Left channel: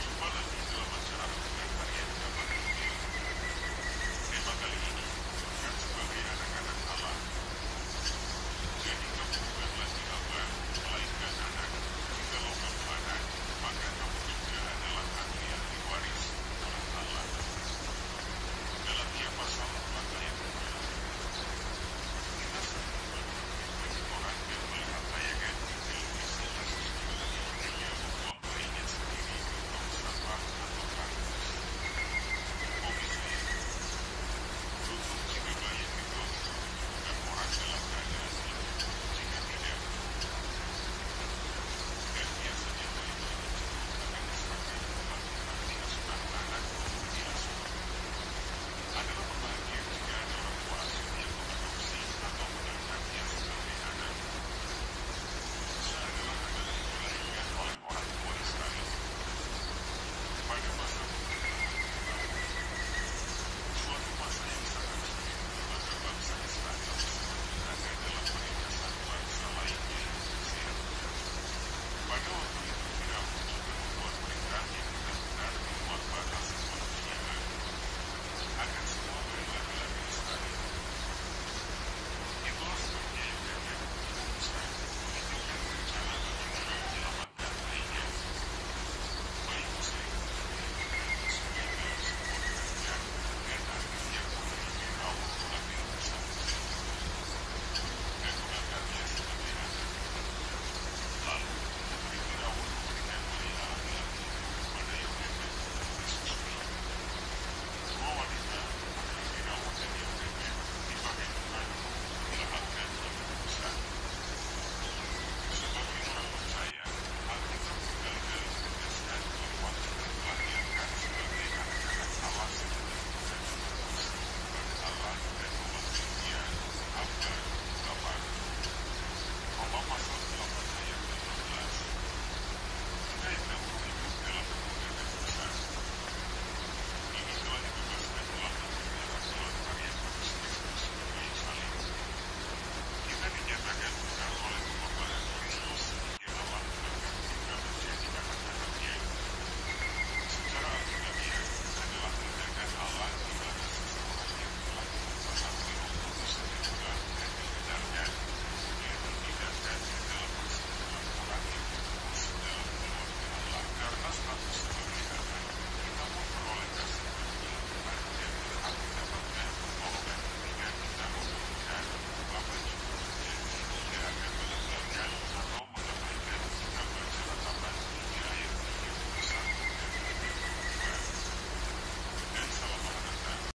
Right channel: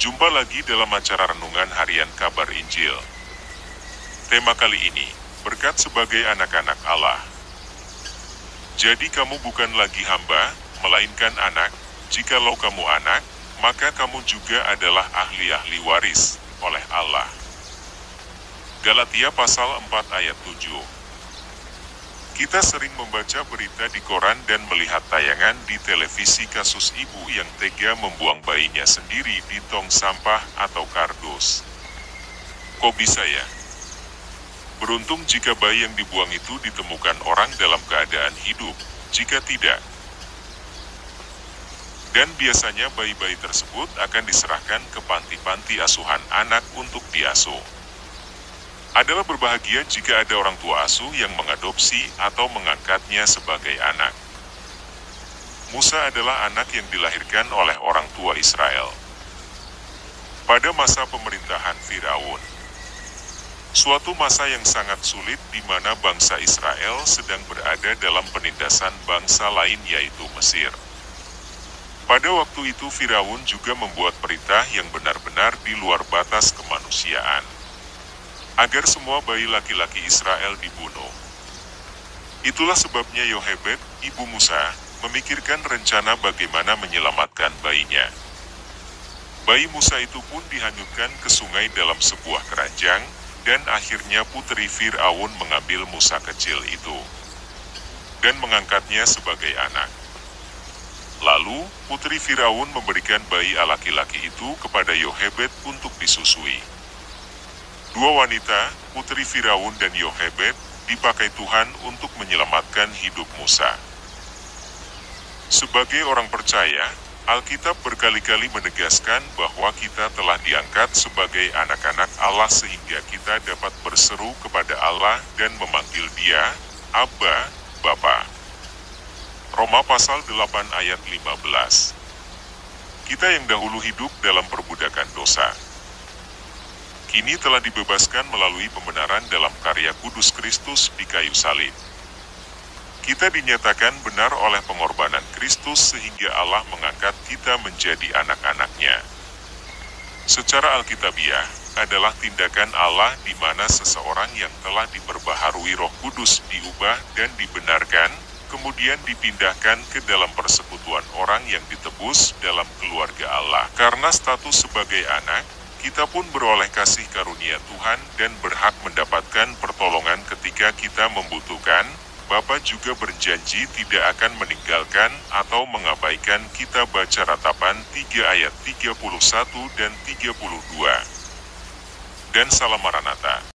Jumpa lagi dalam acara Renungan Harian Kabar Injil. Tema kali ini, berkat sebagai anak-anak Allah. Jadi kamu bukan lagi hamba, melainkan anak. Jikalau kamu anak, maka kamu juga adalah ahli-ahli waris oleh Allah. Galatia pasal 4 ayat 7. Kita sering membaca berita di koran dan melihat tayangan di televisi kasus ibu yang tega membuang bayinya sendiri di tong sampah atau kardus. Kok bisa ya? Beruntung jika bayi yang dibuang itu ditemukan orang dalam keadaan hidup, jika tidak. Dan biasanya bayi-bayi tersebut akan diserahkan ke panti-panti asuhan anak untuk diasuh. Adalah berbahagia jika ada orang tua asuh yang mengadopsi atau mengangkatnya sebagai anak. Musa adalah anak yang dilahirkan oleh orang tua Israel. Pada masa pemerintahan Firaun, suatu masa yang sangat sulit di mana bangsa Israel sedang berada dalam penindasan bangsa lain yaitu Mesir. Pada waktu itu Firaun juga membuat perintah yang benar-benar di luar batas kemanusiaan, agar semua bayi laki-laki Israel dibunuh. Itulah sebabnya Yohebed, ibu Musa, memikirkan rencana bagaimana menyelamatkan bayinya. Bayi Musa itu pun dihanyutkan ke sungai dalam sebuah keranjang, dan akhirnya putri Firaun mengambil Musa kecil itu dan mengangkatnya sebagai anak. Lalu, putri Firaun memberikan bayi laki-laki itu kepada Yohebed untuk disusui. Dua wanita, putri Firaun dan Yohebed, dipakai Tuhan untuk menyelamatkan hidup Musa. Sebagai orang percaya, Alkitab berkali-kali menegaskan bahwa kita telah diangkat sebagai anak-anak Allah sehingga kita dapat berseru kepada Allah dan memanggil Dia, Abba, Bapa. Roma pasal 8 ayat 15. Kita yang dahulu hidup dalam perbudakan dosa, kini telah dibebaskan melalui pembenaran dalam karya kudus Kristus di kayu salib. Kita dinyatakan benar oleh pengorbanan Kristus sehingga Allah mengangkat kita menjadi anak-anak-Nya. Secara alkitabiah, adalah tindakan Allah di mana seseorang yang telah diperbaharui Roh Kudus diubah dan dibenarkan, kemudian dipindahkan ke dalam persekutuan orang yang ditebus dalam keluarga Allah. Karena status sebagai anak, kita pun beroleh kasih karunia Tuhan dan berhak mendapatkan pertolongan ketika kita membutuhkan. Bapa juga berjanji tidak akan meninggalkan atau mengabaikan kita. Baca Ratapan 3 ayat 31 dan 32. Dan Salam Maranatha.